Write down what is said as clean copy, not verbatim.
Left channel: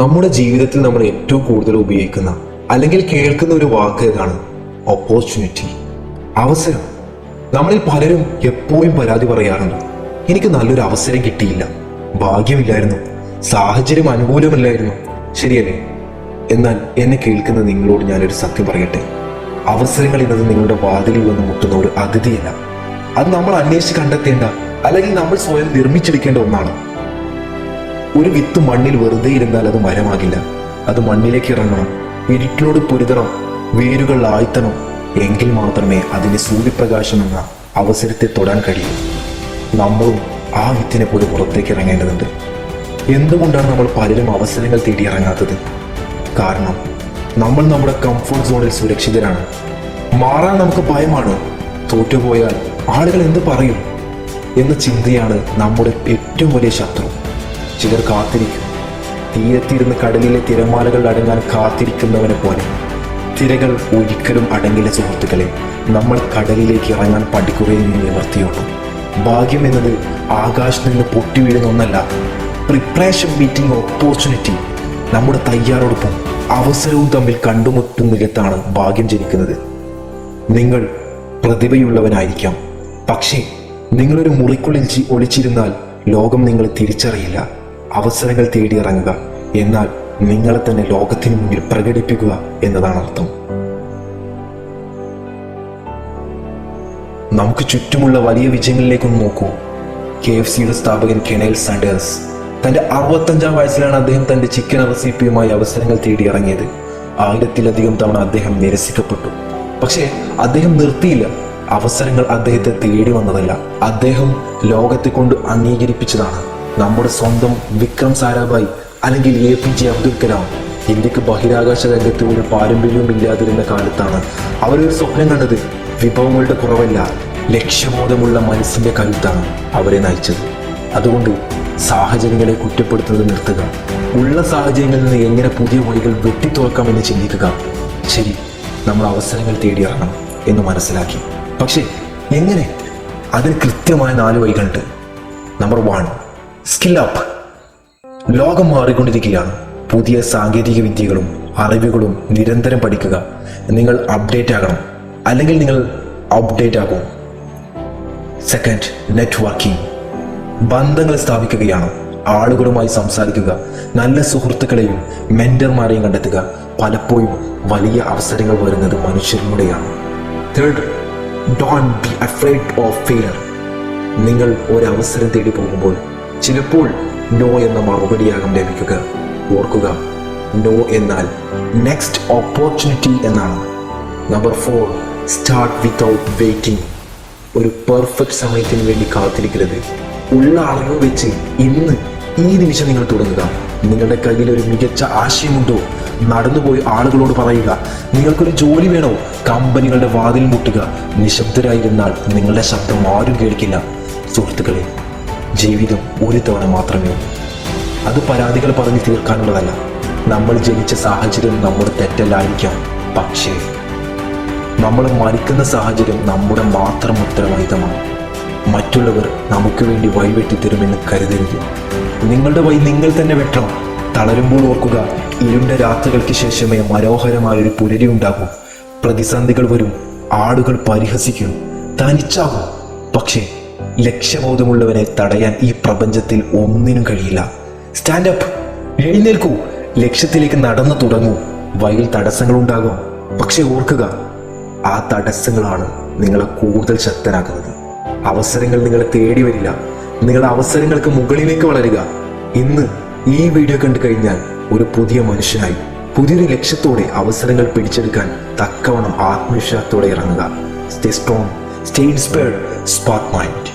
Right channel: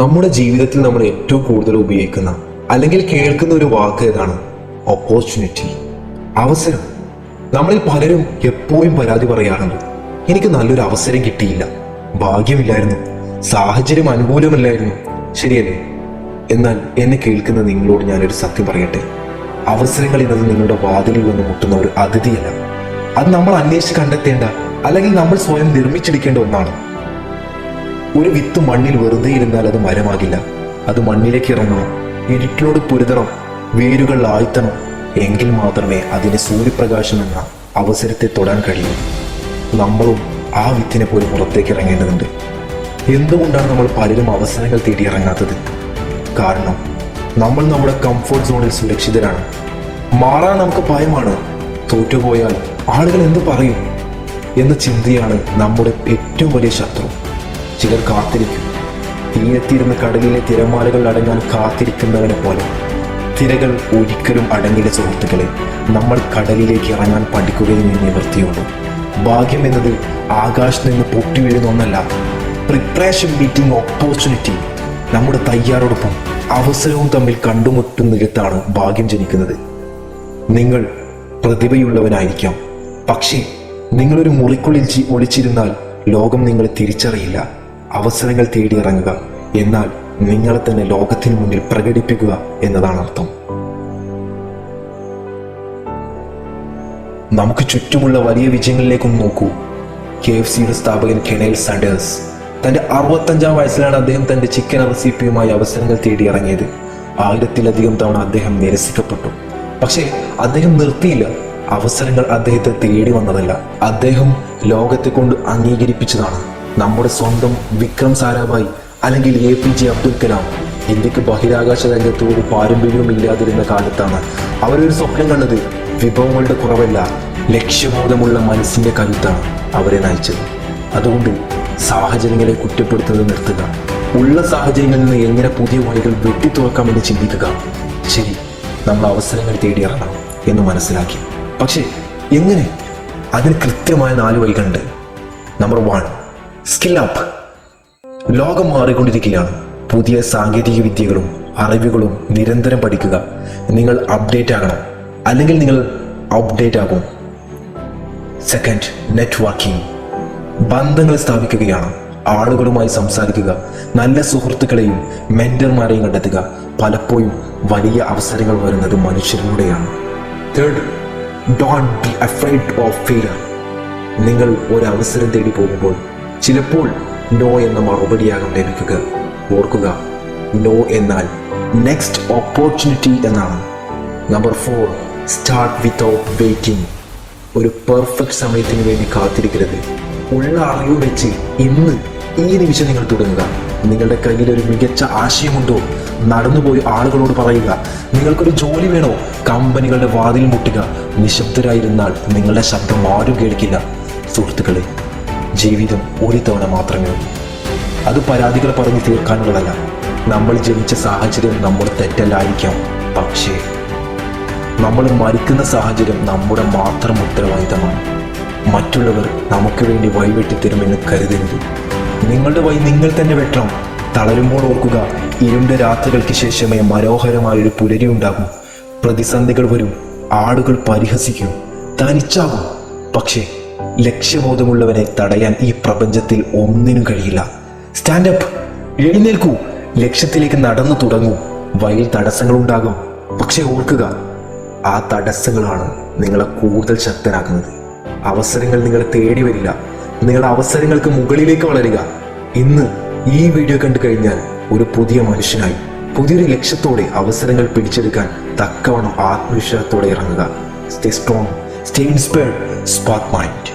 നമ്മുടെ ജീവിതത്തിൽ നമ്മൾ ഏറ്റവും കൂടുതൽ ഉപയോഗിക്കുന്ന അല്ലെങ്കിൽ കേൾക്കുന്ന ഒരു വാക്ക് ഏതാണ്? ഓപ്പർച്യൂണിറ്റി, അവസരം. നമ്മളിൽ പലരും എപ്പോഴും പരാതി പറയാറുണ്ട്, എനിക്ക് നല്ലൊരു അവസരം കിട്ടിയില്ല, ഭാഗ്യമില്ലായിരുന്നു, സാഹചര്യം അനുകൂലമല്ലായിരുന്നു. ശരിയല്ലേ? എന്നാൽ എന്നെ കേൾക്കുന്ന നിങ്ങളോട് ഞാനൊരു സത്യം പറയട്ടെ. അവസരങ്ങൾ എന്നത് നിങ്ങളുടെ വാതിലിൽ വന്ന് മുട്ടുന്ന ഒരു അതിഥിയല്ല. അത് നമ്മൾ അന്വേഷിച്ച് കണ്ടെത്തേണ്ട അല്ലെങ്കിൽ നമ്മൾ സ്വയം നിർമ്മിച്ചെടുക്കേണ്ട ഒന്നാണ്. ഒരു വിത്ത് മണ്ണിൽ വെറുതെ ഇരുന്നാൽ അത് മരമാകില്ല. അത് മണ്ണിലേക്ക് ഇറങ്ങണം, ഇരുട്ടിനോട് പൊരുതണം, വേരുകൾ ആഴ്ത്തണം. എങ്കിൽ മാത്രമേ അതിന് സൂര്യപ്രകാശം എന്ന അവസരത്തെ തൊടാൻ കഴിയൂ. നമ്മളും ആ വിത്തിനെ പോലെ പുറത്തേക്ക് ഇറങ്ങേണ്ടതുണ്ട്. എന്തുകൊണ്ടാണ് നമ്മൾ പലരും അവസരങ്ങൾ തേടി ഇറങ്ങാത്തത്? കാരണം നമ്മൾ നമ്മുടെ കംഫർട്ട് സോണിൽ സുരക്ഷിതരാണ്. മാറാൻ നമുക്ക് ഭയമാണ്. തോറ്റുപോയാൽ ആളുകൾ എന്ത് പറയും എന്ന ചിന്തയാണ് നമ്മുടെ ഏറ്റവും വലിയ ശത്രു. ചിലർ കാത്തിരിക്കും, തീരത്തിരുന്ന് കടലിലെ തിരമാലകൾ അടങ്ങാൻ കാത്തിരിക്കുന്നവനെ പോലെ. തിരകൾ ഒരിക്കലും അടങ്ങില്ല സുഹൃത്തുക്കളെ. നമ്മൾ കടലിലേക്ക് ഇറങ്ങാൻ പഠിക്കുകയും നിവർത്തിയുള്ളൂ. ഭാഗ്യം എന്നത് ആകാശത്ത് നിന്ന് പൊട്ടി വീഴുന്ന ഒന്നല്ല. Preparation meeting opportunity. നമ്മുടെ തയ്യാറെടുപ്പും അവസരവും തമ്മിൽ കണ്ടുമുട്ടുന്നിടത്താണ് ഭാഗ്യം ജനിക്കുന്നത്. നിങ്ങൾ പ്രതിഭയുള്ളവനായിരിക്കാം, പക്ഷേ നിങ്ങളൊരു മുറിക്കുള്ളിൽ ഒളിച്ചിരുന്നാൽ ലോകം നിങ്ങളെ തിരിച്ചറിയില്ല. അവസരങ്ങൾ തേടിയിറങ്ങുക എന്നാൽ നിങ്ങളെ തന്നെ ലോകത്തിന് മുന്നിൽ പ്രകടിപ്പിക്കുക എന്നതാണ് അർത്ഥം. നമുക്ക് ചുറ്റുമുള്ള വലിയ വിജയങ്ങളിലേക്കൊന്ന് നോക്കൂ. KFCയുടെ സ്ഥാപകൻ കെനൽ സാൻഡേഴ്സ്. തന്റെ 65-ാം വയസ്സിലാണ് അദ്ദേഹം തന്റെ ചിക്കൻ റെസിപ്പിയുമായി അവസരങ്ങൾ തേടിയിറങ്ങിയത്. 1000-ത്തിലധികം തവണ അദ്ദേഹം നിരസിക്കപ്പെട്ടു. പക്ഷേ അദ്ദേഹം നിർത്തിയില്ല. അവസരങ്ങൾ അദ്ദേഹത്തെ തേടി വന്നതല്ല, അദ്ദേഹം ലോകത്തെ കൊണ്ട് അംഗീകരിപ്പിച്ചതാണ്. നമ്മുടെ സ്വന്തം വിക്രം സാരാഭായ് അല്ലെങ്കിൽ APJ അബ്ദുൽ കലാം ഇന്ത്യക്ക് ബഹിരാകാശ രംഗത്ത് ഒരു പാരമ്പര്യവും ഇല്ലാതിരുന്ന കാലത്താണ് അവരൊരു സ്വപ്നം കണ്ടത്. വിഭവങ്ങളുടെ കുറവല്ല, ലക്ഷ്യബോധമുള്ള മനസ്സിന്റെ കരുത്താണ് അവരെ നയിച്ചത്. അതുകൊണ്ട് സാഹചര്യങ്ങളെ കുറ്റപ്പെടുത്തുന്നത് നിർത്തുക. ഉള്ള സാഹചര്യങ്ങളിൽ നിന്ന് എങ്ങനെ പുതിയ വഴികൾ വെട്ടിത്തുറക്കാമെന്ന് ചിന്തിക്കുക. ശരി, നമ്മൾ അവസരങ്ങൾ തേടിയിറങ്ങണം എന്ന് മനസ്സിലാക്കി. പക്ഷേ എങ്ങനെ? അതിന് കൃത്യമായ 4 വഴികളുണ്ട്. Number 1, skill up. ലോകം മാറിക്കൊണ്ടിരിക്കുകയാണ്. പുതിയ സാങ്കേതിക വിദ്യകളും അറിവുകളും നിരന്തരം പഠിക്കുക. നിങ്ങൾ അപ്ഡേറ്റ് ആകണം, അല്ലെങ്കിൽ നിങ്ങൾ അപ്ഡേറ്റ് ആകും. Second, networking. ബന്ധങ്ങൾ സ്ഥാപിക്കുകയാണ്. ആളുകളുമായി സംസാരിക്കുക, നല്ല സുഹൃത്തുക്കളെയും മെന്റർമാരെയും കണ്ടെത്തുക. പലപ്പോഴും വലിയ അവസരങ്ങൾ വരുന്നത് മനുഷ്യരിലൂടെയാണ്. Third, don't be afraid of failure. നിങ്ങൾ ഒരു അവസരം തേടി പോകുമ്പോൾ ചിലപ്പോൾ നോ എന്ന മറുപടിയാകും ലഭിക്കുക. ഓർക്കുക, നോ എന്നാൽ നെക്സ്റ്റ് ഓപ്പർച്യൂണിറ്റി എന്നാണ്. Number 4, start without waiting. ഒരു പെർഫെക്റ്റ് സമയത്തിന് വേണ്ടി കാത്തിരിക്കരുത്. ഉള്ള അറിവ് വെച്ച് ഇന്ന് ഈ നിമിഷം നിങ്ങൾ തുടങ്ങുക. നിങ്ങളുടെ കയ്യിൽ ഒരു മികച്ച ആശയമുണ്ടോ? നടന്നുപോയി ആളുകളോട് പറയുക. നിങ്ങൾക്കൊരു ജോലി വേണോ? കമ്പനികളുടെ വാതിൽ മുട്ടുക. നിശബ്ദരായിരുന്നാൽ നിങ്ങളുടെ ശബ്ദം ആരും കേൾക്കില്ല. സുഹൃത്തുക്കളെ, ജീവിതം ഒരു തവണ മാത്രമേ ഉള്ളൂ. അത് പരാതികൾ പറഞ്ഞ് തീർക്കാനുള്ളതല്ല. നമ്മൾ ജനിച്ച സാഹചര്യം നമ്മുടെ തെറ്റല്ലായിരിക്കാം, പക്ഷേ നമ്മൾ മരിക്കുന്ന സാഹചര്യം നമ്മുടെ മാത്രം ഉത്തരവാദിത്തമാണ്. മറ്റുള്ളവർ നമുക്ക് വേണ്ടി വഴിവെട്ടി തരുമെന്ന് കരുതരുത്. നിങ്ങളുടെ വഴി നിങ്ങൾ തന്നെ വെട്ടണം. തളരുമ്പോൾ ഓർക്കുക, ഇരുണ്ട രാത്രികൾക്ക് ശേഷമേ മനോഹരമായൊരു പുലരി ഉണ്ടാകൂ. പ്രതിസന്ധികൾ വരും, ആളുകൾ പരിഹസിക്കും, തനിച്ചാകും. പക്ഷേ ലക്ഷ്യബോധമുള്ളവനെ തടയാൻ ഈ പ്രപഞ്ചത്തിൽ ഒന്നിനും കഴിയില്ല. സ്റ്റാൻഡപ്പ്, എഴുന്നേൽക്കൂ, ലക്ഷ്യത്തിലേക്ക് നടന്നു തുടങ്ങൂ. വഴിയിൽ തടസ്സങ്ങൾ ഉണ്ടാകും, പക്ഷെ ഓർക്കുക, ആ തടസ്സങ്ങളാണ് നിങ്ങളെ കൂടുതൽ ശക്തനാക്കുന്നത്. അവസരങ്ങൾ നിങ്ങളെ തേടി വരില്ല, നിങ്ങളുടെ അവസരങ്ങൾക്ക് മുകളിലേക്ക് വളരുക. ഇന്ന് ഈ വീഡിയോ കണ്ടു കഴിഞ്ഞാൽ ഒരു പുതിയ മനുഷ്യനായി, പുതിയൊരു ലക്ഷ്യത്തോടെ അവസരങ്ങൾ പിടിച്ചെടുക്കാൻ തക്കവണ്ണം ആത്മവിശ്വാസത്തോടെ ഇറങ്ങുക. Stay strong, stay inspired, spark mind.